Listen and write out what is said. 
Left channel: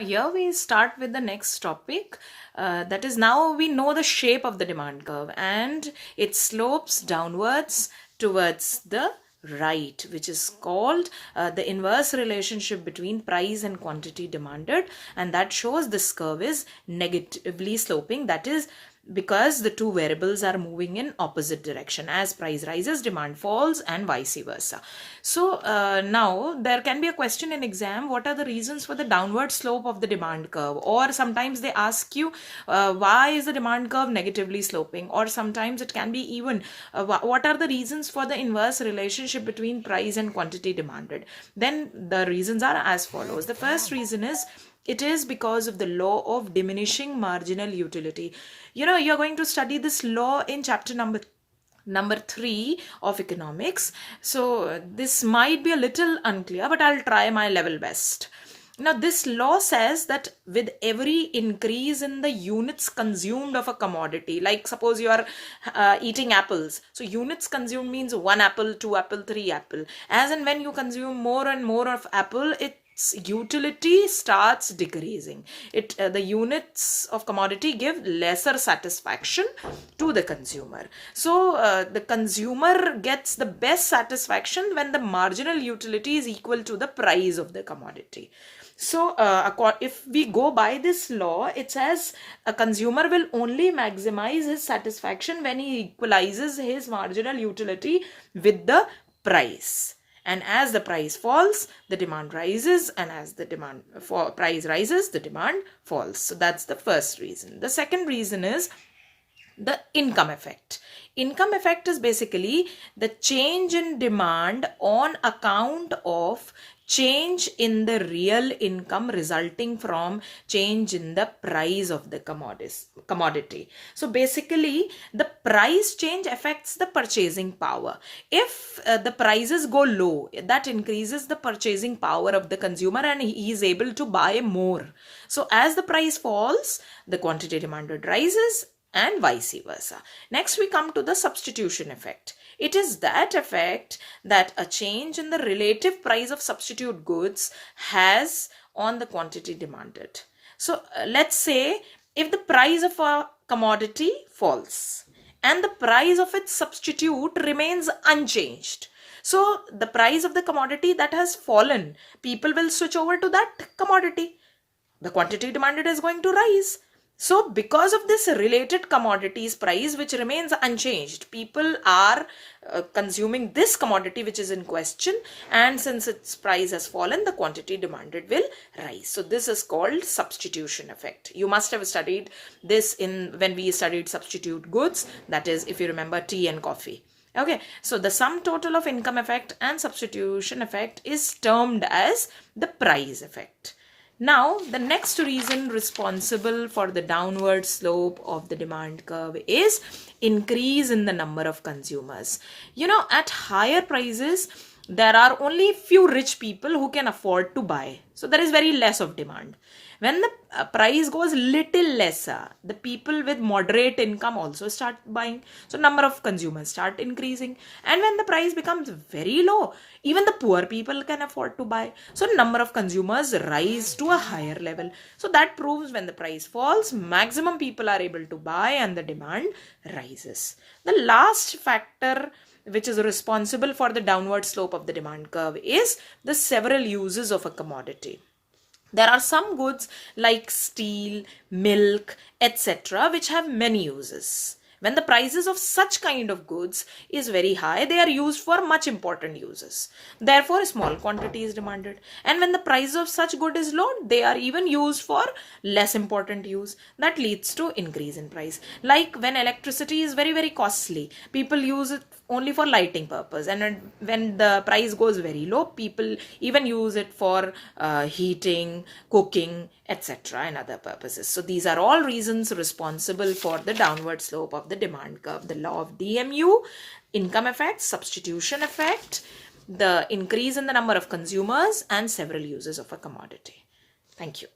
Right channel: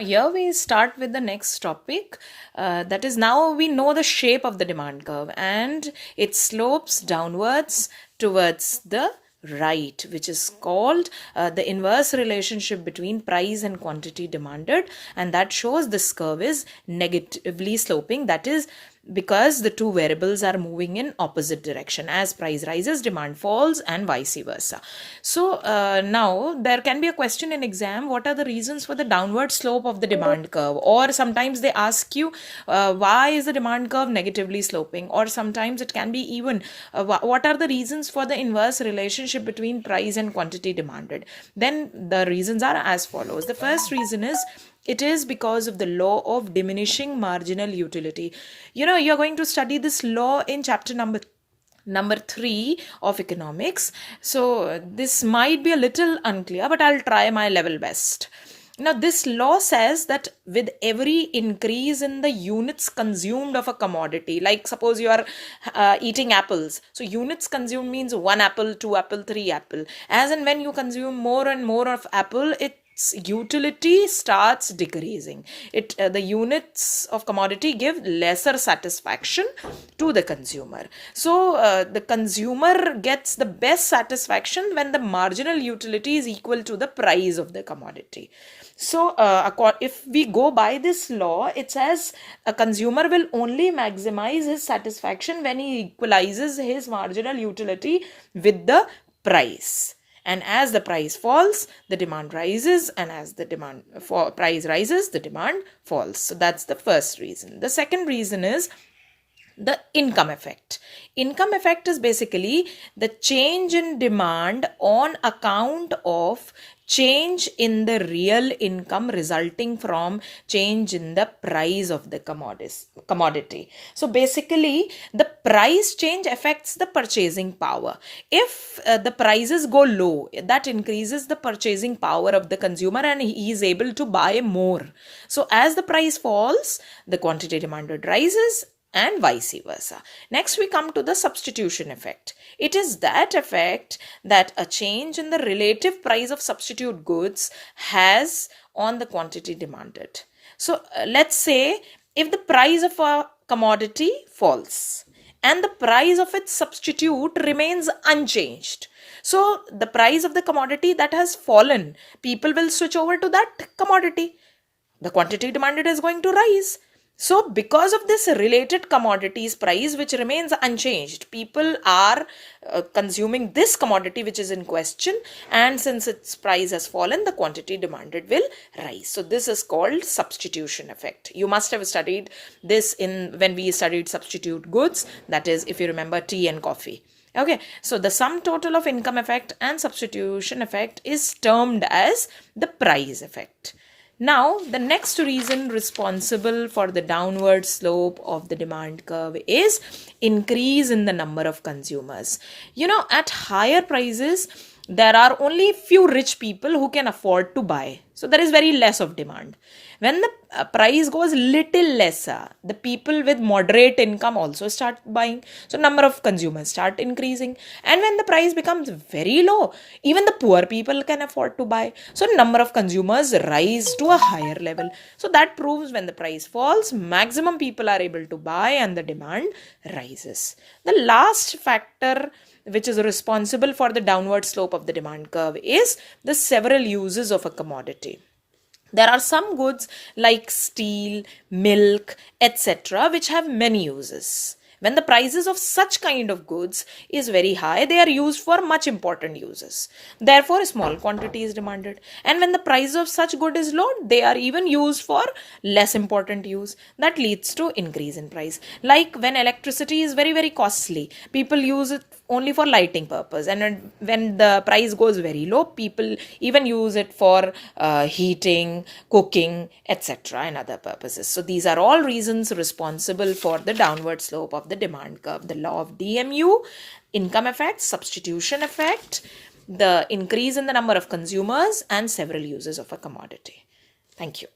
Here we start with the next topic. That is, now we know the shape of the demand curve and it slopes downwards towards the right, which is called the inverse relationship between price and quantity demanded, and that shows this curve is negatively sloping. That is because the two variables are moving in opposite direction. As price rises, demand falls, and vice versa. So now there can be a question in exam: what are the reasons for the downward slope of the demand curve? Or sometimes they ask you why is the demand curve negatively sloping? Or sometimes it can be even what are the reasons for the inverse relationship between price and quantity demanded? Then the reasons are as follows. The first reason is it is because of the law of diminishing marginal utility. You're going to study this law in chapter number 3 of economics. So this might be a little unclear, but I'll try my level best. Now, this law says that with every increase in the units consumed of a commodity, like suppose you are eating apples. So units consumed means 1 apple, 2 apple, 3 apple. As and when you consume more and more of apple, its utility starts decreasing. The units of commodity give lesser satisfaction to the consumer. So the consumer gets the best satisfaction when the marginal utility is equal to the price of the commodity. So if we go by this law, it says a consumer will only maximize his satisfaction when he equalizes his marginal utility with the price. And as the price falls, the demand rises, and as the price rises, the demand falls. So that's the first reason. The second reason is the income effect. Income effect is basically the change in demand on account of change in the real income resulting from change in the price of the commodity. So basically, the price change affects the purchasing power. If the prices go low, that increases the purchasing power of the consumer and he is able to buy more. So as the price falls, the quantity demanded rises, and vice versa. Next, we come to the substitution effect. It is that effect that a change in the relative price of substitute goods has on the quantity demanded. So let's say if the price of a commodity falls and the price of its substitute remains unchanged. So the price of the commodity that has fallen, people will switch over to that commodity. The quantity demanded is going to rise. So because of this related commodities price which remains unchanged, people are consuming this commodity which is in question, and since its price has fallen, the quantity demanded will rise. So this is called substitution effect. You must have studied this when we studied substitute goods, that is, if you remember, tea and coffee. Okay, so the sum total of income effect and substitution effect is termed as the price effect. Now, the next reason responsible for the downward slope of the demand curve is increase in the number of consumers. At higher prices, there are only few rich people who can afford to buy. So there is very less of demand. When the price goes little lesser, the people with moderate income also start buying. So number of consumers start increasing. And when the price becomes very low, even the poor people can afford to buy. So number of consumers rise to a higher level. So that proves when the price falls, maximum people are able to buy and the demand rises. The last factor which is responsible for the downward slope of the demand curve is the several uses of a commodity. There are some goods like steel, milk, etc. which have many uses. When the prices of such kind of goods is very high, they are used for much important uses. Therefore, a small quantity is demanded. And when the price of such good is low, they are even used for less important use. That leads to increase in price. Like when electricity is very, very costly, people use it only for lighting purpose. And when the price goes very low, people even use it for heating, cooking, etc. and other purposes. So these are all reasons responsible for the downward slope of the demand curve. The law of DMU, income effect, substitution effect, the increase in the number of consumers, and several uses of a commodity. Thank you.